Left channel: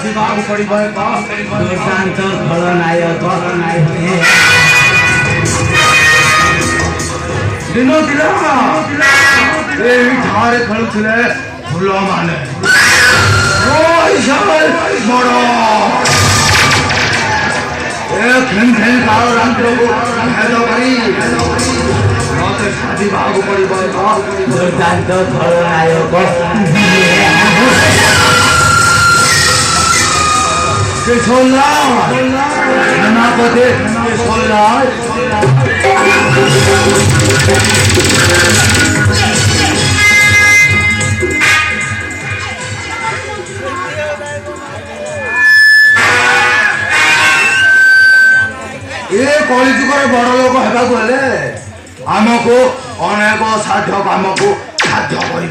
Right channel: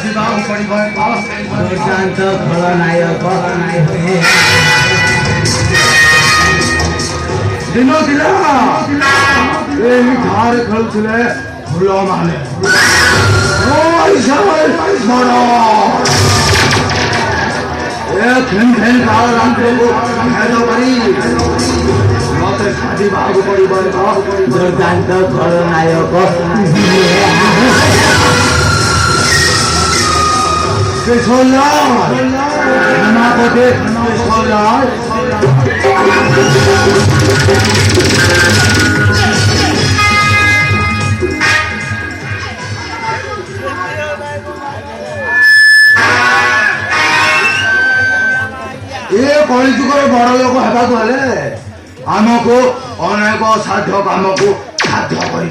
ସାଜିବାକୁ ପଡ଼ିବ ଏକ ଦୁର୍ଦାନ୍ତ ଖଳନାୟକ ଦିନ ଥିଲା ଏହିଠାରେ ଖେଳୁଥିଲେ ଫୁଲମାନେ ବଡ଼ ଏ ଖେଁ ଖେଁ କାଳ ରାତ୍ରକୁ ଭେଦ କରି ମତେ ସାଜିବାକୁ ପଡ଼ିବ ଏକ ଦୁର୍ଦାନ୍ତ ଖଳନାୟକ Keşollay, Menapati, Keşollay. ଏ କଳିଯୁଗରେ ବଡ଼ ଲୋକ ହେବାକୁ ହେଲେ ଆମକୁ ଅନେକ ସାଧ୍ୟ କାମକୁ ସାଧ୍ୟ କରି